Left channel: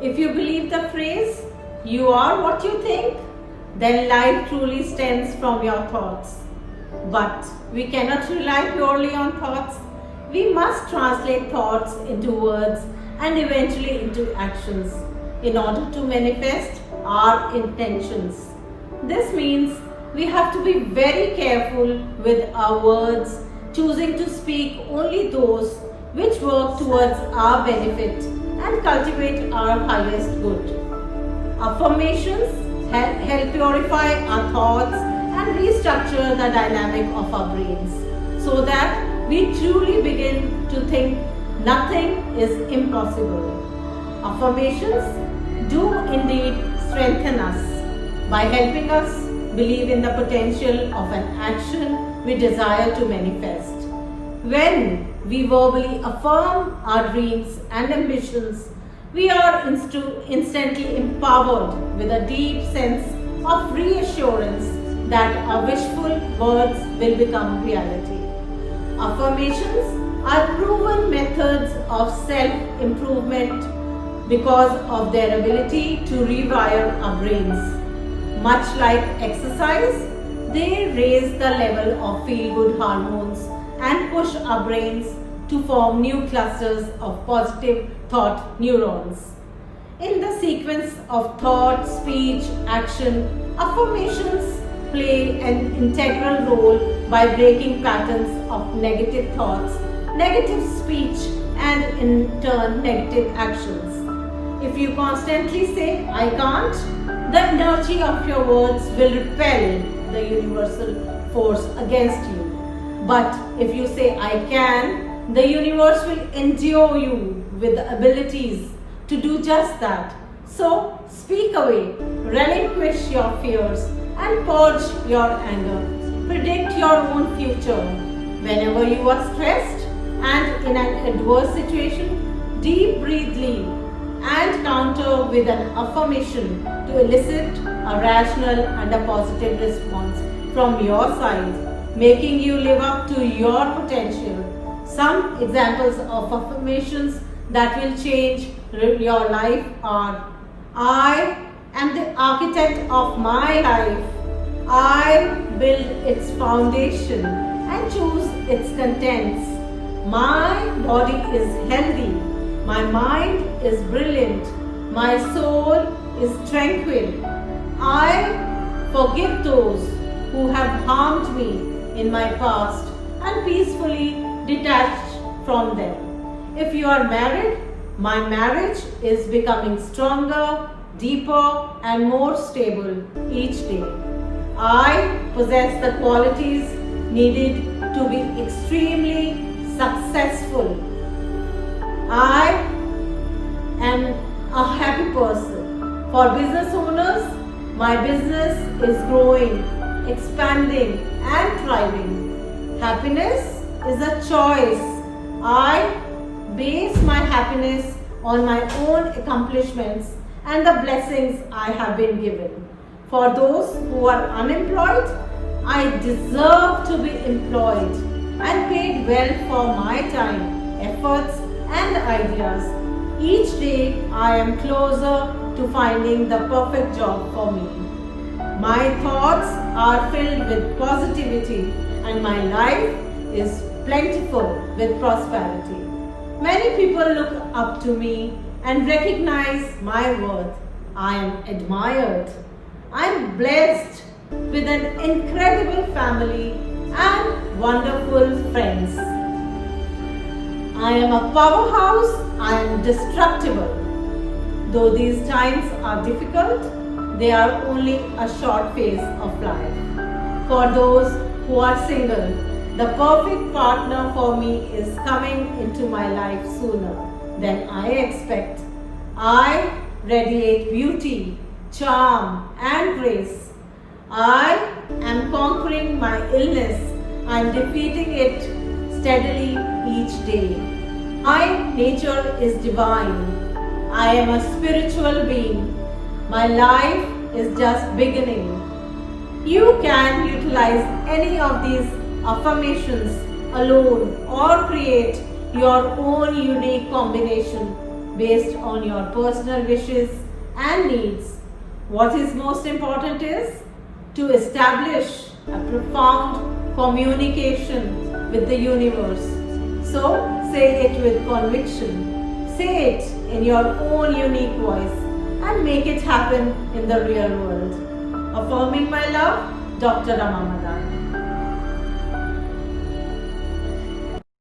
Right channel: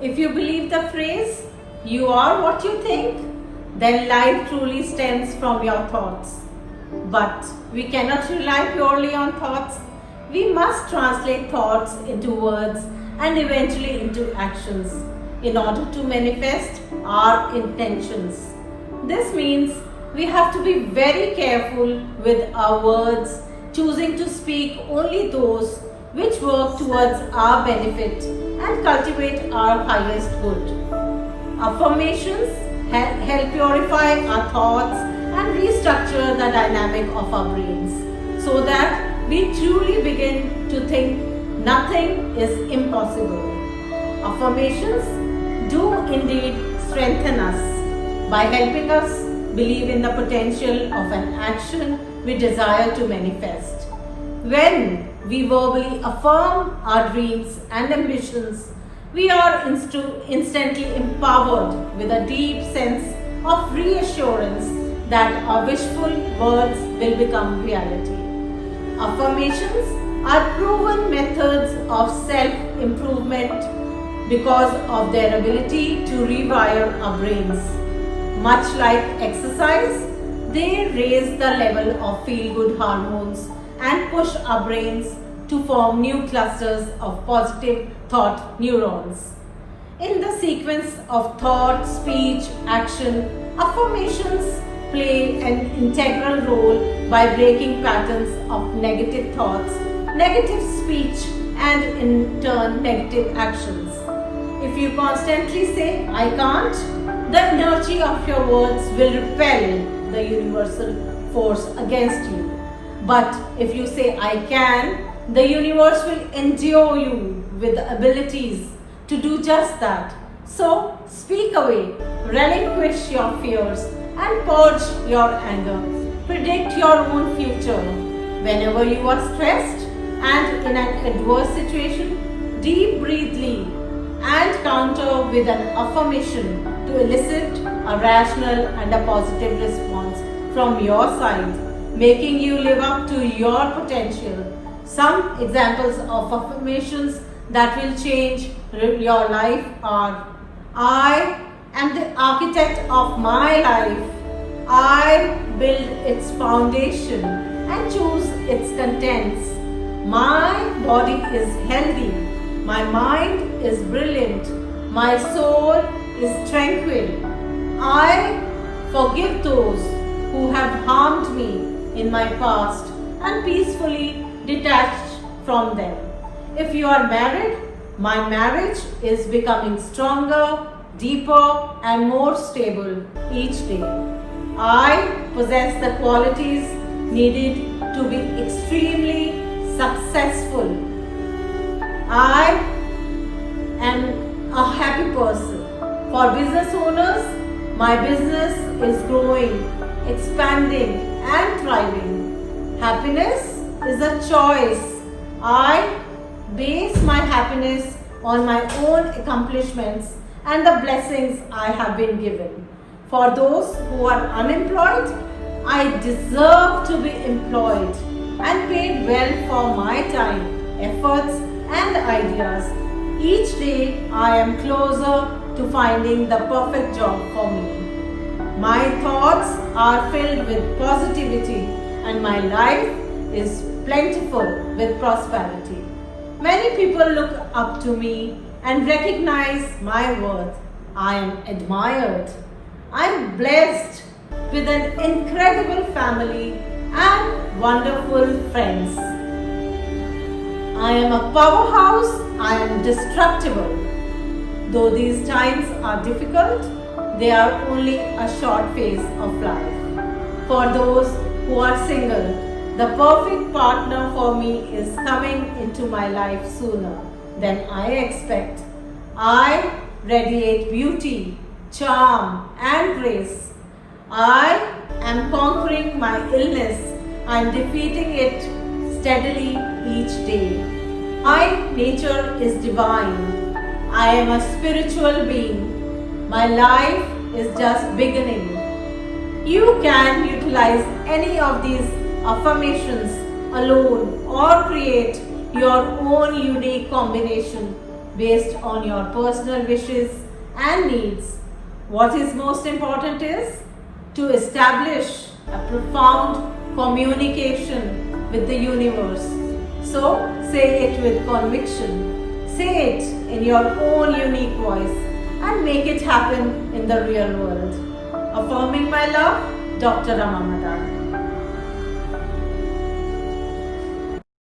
If you believe the phrase, you are what you think, then life truly stems from your thoughts. But we cannot rely purely on thoughts. We must translate thoughts into words and eventually into actions in order to manifest our intentions. This means we have to be very careful with our words, choosing to speak only those which work towards our benefit and cultivate our highest good. Affirmations help purify our thoughts and restructure the dynamic of our brains so that we truly begin to think nothing is impossible. Affirmations do indeed strengthen us by helping us believe in the potential of an action we desire to manifest. When we verbally affirm our dreams and ambitions, we are instantly empowered with a deep sense of reassurance that our wishful words will become reality. Affirmations are proven methods of self-improvement because of their ability to rewire our brains. Much like exercise, they raise the level of feel-good hormones and push our brains to form new clusters of positive thought neurons. In the sequence of thought, speech, action, affirmations play an integral role by breaking patterns of negative thoughts, negative speech, and in turn negative actions. If you constantly say, "I can't," the energy of your words will repel the universal force against you. But if you say, "I can," the universe will endure you with the abilities to do just that. So speak away, relinquish your fears, and purge your anger. Predict your own future. Whenever you are stressed and in an adverse situation, deep breathe and counter with an affirmation to elicit a rational and a positive response from your side, making you live up to your potential. Some examples of affirmations that will change your life are: I am the architect of my life. I build its foundation and choose its contents. My body is healthy. My mind is brilliant. My soul is tranquil. I forgive those who have harmed me in my past and peacefully detach from them. If you are married, my marriage is becoming stronger, deeper, and more stable each day. I possess the qualities needed to be extremely successful. I am a happy person. For business owners, my business is growing, expanding, and thriving. Happiness is a choice. I base my happiness on my own accomplishments and the blessings I have been given. For those who are unemployed, I deserve to be employed and paid well for my time, efforts, and ideas. Each day I am closer to finding the perfect job for me. My thoughts are filled with positivity and my life is plentiful with prosperity. Many people look up to me and recognize my worth. I am admired. I am blessed with an incredible family and wonderful friends. I am a powerhouse. I am destructible. Though these times are difficult, they are only a short phase of life. For those who are single, the perfect partner for me is coming into my life sooner than I expect. I radiate beauty, charm, and grace. I am conquering my illness and defeating it steadily each day. My nature is divine. I am a spiritual being. My life is just beginning. You can utilize any of these affirmations alone or create your own unique combination based on your personal wishes and needs. What is most important is to establish a profound communication with the universe. So say it with conviction. Say it in your own unique voice and make it happen in the real world. Affirming my love, Dr. Rama Madani.